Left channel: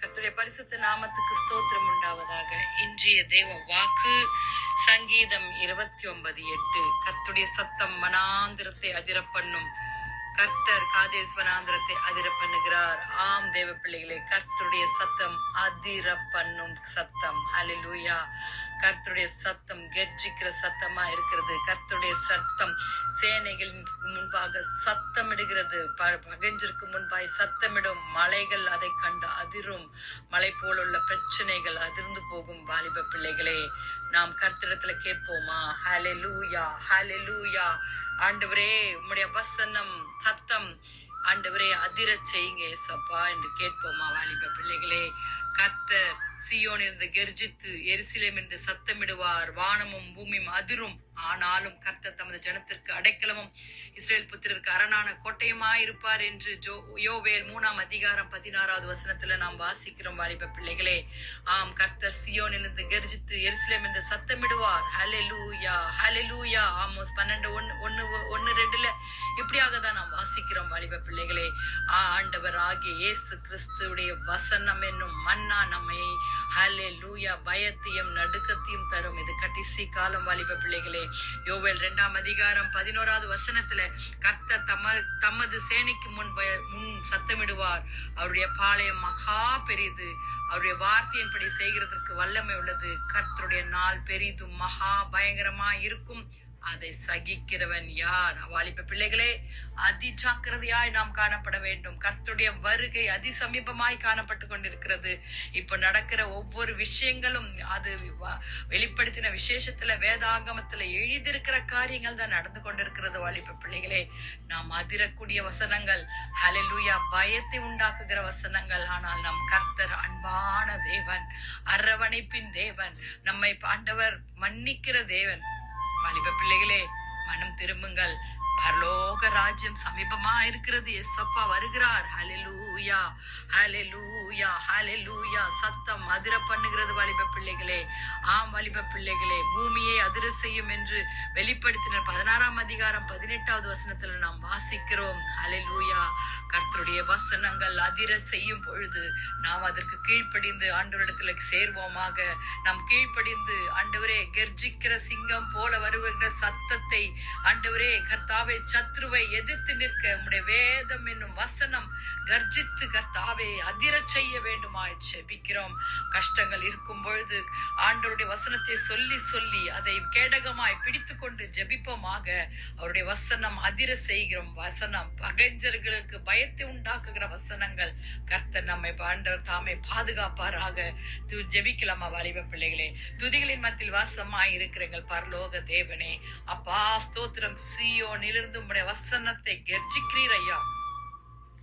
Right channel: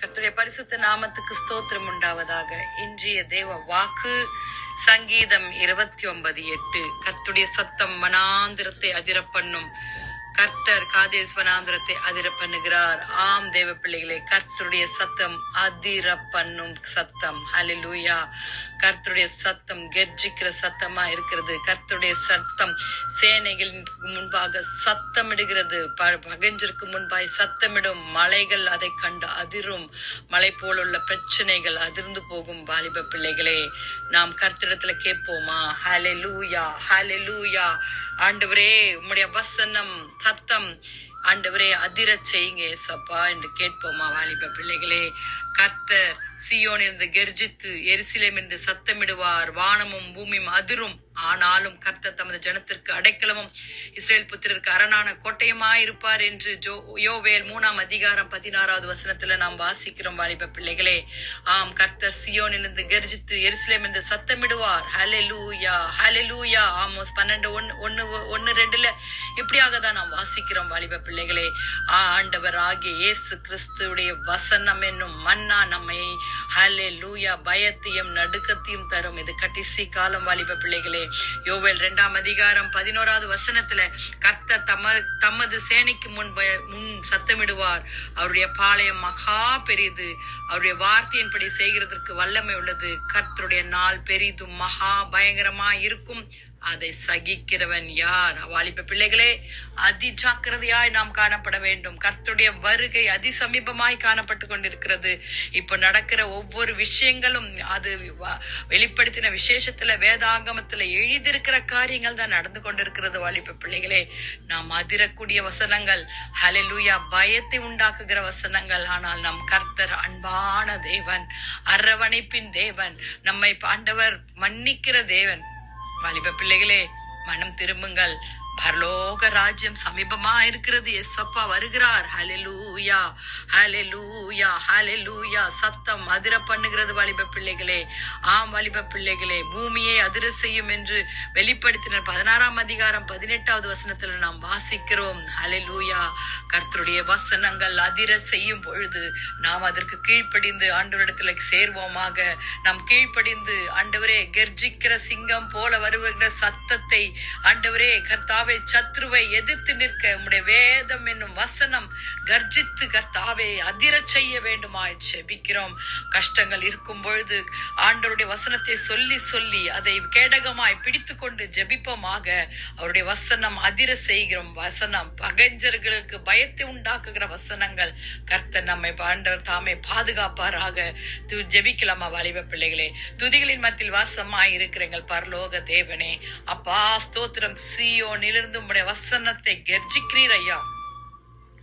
கர்த்தருடைய பரிசுத்த நாமத்துக்கு ஸ்தோத்திரம் உண்டாவதாக. இன்றைய தேவ வாக்கு சங்கீதம் 29:8. கர்த்தருடைய சத்தம் வனாந்திரத்தை அதிர பண்ணும். கர்த்தர் காதேஸ் வனாந்திரத்தை அதிர பண்ணுகிறார். ஆம் தேவ பிள்ளைகளே, கர்த்தருடைய சத்தம் அதிர பண்ணும் சத்தம். ஹல்லேலூயா. கர்த்தருடைய சத்தம் கெர்ஜிக்கிற சத்தமா இருக்கிறது. கர்த்தருடைய சத்தம் சேனைகளுக்கு முன்பாக சத்தமிடுகிறது. பகைஞருக்கு முன்பாய் சத்தமிடும். மலைகள் அதை கண்டு அதிரும். மலை போலுள்ள பிரச்சனைகள் அதிர்ந்து போகும். வாலிப பிள்ளைகளே, நாம் கர்த்தரிடத்துல கேட்போமா? ஹல்லேலூயா, ஹல்லேலூயா. ஆண்டவரே, உம்முடைய வசனம் சத்தம் ஆண்டவரே அதிர செய்யுங்க ஏசப்பா என்று கேட்போமா? வாலிப பிள்ளைகளே, கர்த்தர் சீயோனிலிருந்து கெர்ஜித்து எருசலேமிலிருந்து சத்தமிடுவார். வானமும் பூமியும் அதிரும். ஆனாலும் கர்த்தர் தமது ஜனத்திற்கு அடைக்கலமும் இஸ்ரேல் புத்திரருக்கு அரணான கோட்டையுமாயிருப்பார் என்று யோவேல் 3:16 நாம் வாசிக்கிறோம். வாலிப பிள்ளைகளே, ஆம், கர்த்தர் சீயோனிலிருந்து கெர்ஜித்து எருசலேமிலிருந்து சத்தமிடுவார். ஹல்லேலூயா, ஹல்லேலூயா. ஆமோஸ் 12:1-2 இப்படியாக தான் நாம் வாசிக்கிறோம். வாலிப பிள்ளைகளே, ஆண்டவர் ஆகிய இயேசு கிறிஸ்துடைய வசனம் என்னும் மன்னா நம்மை ஹல்லேலூயா பயத்தையும் நடுக்கத்தையும் தரும். இது கடைசி காலம். வாலிப பிள்ளைகளே, யோவேல் 2:11 கர்த்தர் தமது சேனைக்கு முன் சத்தமிடுவார். அவருடைய பாளையம் மகா பெரிது. அவருடைய வார்த்தையின்படி செய்கிறதற்கு வல்லமை உள்ளது. கர்த்தருடைய நாள் பெரிதும் மகா பயங்கரமா இருக்கும். அதை சகிக்கிறவன் யார்? வாலிப பிள்ளைகளே, அதி ஜாக்கிரதையாய் நாம் காணப்பட வேண்டும். கர்த்தருடைய வருகை அதி சமீபமாய் காணப்பட்டு கொண்டிருக்கிறது. இப்ப நடக்கிற ஒவ்வொரு விஷயங்களும் அது வெளிப்படுத்தின விசேஷத்துல வேதாகமத்துல எழுதியிருக்கிற காரியங்கள் தான் நடந்து கொண்டிருக்கிறது. வாலிப பிள்ளைகளே, நாம் அதிரக்கூடிய வசனங்கள் ஹல்லேலூயா பயத்தை உண்டாக்குகிற வசனங்கள். ஆனால் நம் கர்த்தர் அன்பான தேவன், அரவணைப்பின் தேவன், நம்மை ஆண்டவர் மன்னிக்கிற தேவன். வாலிப பிள்ளைகளே, மனம் திரும்புங்கள். பரலோக ராஜ்யம் சமீபமா இருக்கிறது. எஸ்அப்பா வருகிறார். ஹல்லேலூயா, ஹல்லேலூயா, ஹல்லேலூயா. சத்தம் அதிர பண்ணுகிறது. வாலிப பிள்ளைகளே, ஆம் வாலிப பிள்ளைகளே, பூமியை அதிர செய்யும் என்று வெளிப்படுத்தினர் 16:18 நாம் வாசிக்கிறோம். ஹல்லேலூயா. கர்த்தருடைய வசனங்கள் அதிர செய்யும் பொழுது நாம் அதற்கு கீழ்ப்படிந்து ஆண்டவரிடத்துல சேர்வோமாக. நாம் கீழ்ப்படிந்து ஆண்டவரே கெர்ஜிக்கிற சிங்கம் போல வருகிற சத்தத்தை ஆண்டவரே கர்த்தாவே சத்ருவை எதிர்த்து நிற்க உம்முடைய வேதம் என்னும் வசனம் கர்ஜித்து கர்த்தாவே அதிர செய்ய வேண்டுமாய் ஜெபிக்கிறோம். கஷ்டங்கள் இருக்கும் பொழுது ஆண்டவருடைய வசனத்தை சொல்லி சொல்லி அதை கேடகமாய் பிடித்து கொண்டு ஜெபிப்போமாக. அவருடைய வசனம் அதிர செய்கிறோம். வசனம் பகைஞர்களுக்கு பயத்தை உண்டாக்குகிற வசனங்கள். கர்த்தர் நம்மை ஆண்டவர் தாமே பாதுகாப்பாராக. ஜெபிக்கலாமா வாலிப பிள்ளைகளே? துதிகளின் மத்தியில் வாசமாய் இருக்கிறீங்கள் பரலோக தேவனே. அப்பா ஸ்தோத்திரம். சீயோனிலிருந்து உம்முடைய வசனத்தை கெர்ஜிக்கிறீர் ஐயா.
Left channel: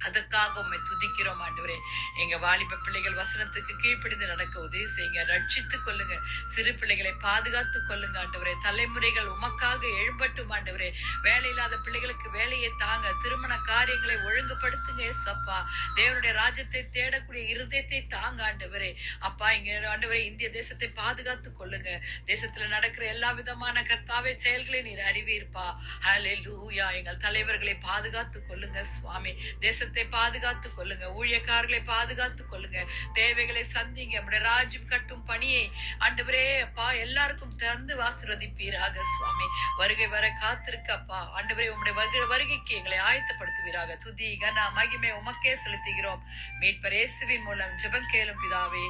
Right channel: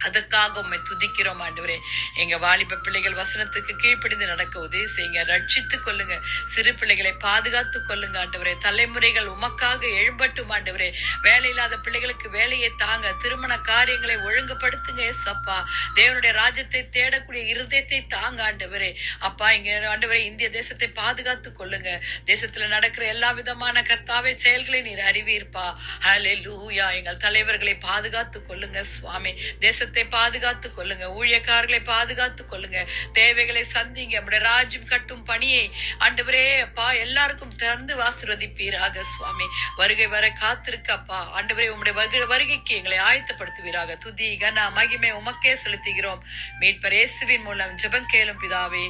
அதற்காக உம்மை துதிக்கிறோம் ஆண்டவரே. எங்க வாலிப பிள்ளைகள் வசனத்துக்கு கீழ்ப்படிந்து நடக்க உதவி செய்யுங்க. ரட்சித்துக் கொள்ளுங்க. சிறு பிள்ளைகளை பாதுகாத்துக் கொள்ளுங்க ஆண்டவரே. தலைமுறைகள் உமக்காக எழும்பட்டும் ஆண்டவரே. வேலை இல்லாத பிள்ளைகளுக்கு வேலையை தாங்க. திருமண காரியங்களை ஒழுங்குபடுத்துங்க ஏசப்பா. தேவனுடைய ராஜ்யத்தை தேடக்கூடிய இருதயத்தை தாங்க ஆண்டவரே. அப்பா, இங்க ஆண்டவரே இந்திய தேசத்தை பாதுகாத்துக் கொள்ளுங்க. தேசத்துல நடக்கிற எல்லா விதமான கர்த்தாவே செயல்களை நீர் அறிவீர்ப்பா. ஹல்லேலூயா. எங்கள் தலைவர்களை பாதுகாத்துக் கொள்ளுங்க சுவாமி. தேசத்தை பாதுகாத்துக் கொள்ளுங்க. ஊழியக்காரர்களை பாதுகாத்துக் கொள்ளுங்க. தேவைகளை சந்திங்க. நம்முடைய ராஜ்யம் கட்டும் பணியை ஆண்டவரே அப்பா எல்லாருக்கும் திறந்து ஆசீர்வதிப்பீராக சுவாமி. வருகை வர காத்திருக்கப்பா ஆண்டவரே. உம்முடைய வருகைக்கு எங்களை ஆயத்தப்படுத்துவீராக. துதி கன மகிமை உமக்கே செலுத்துகிறோம். மீட்பர் இயேசுவின் மூலம் ஜெபம் கேளும் பிதாவே.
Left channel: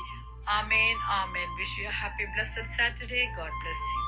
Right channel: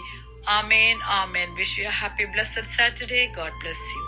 ஆமென், ஆமென். Wish you a happy blessed Saturday. God bless you.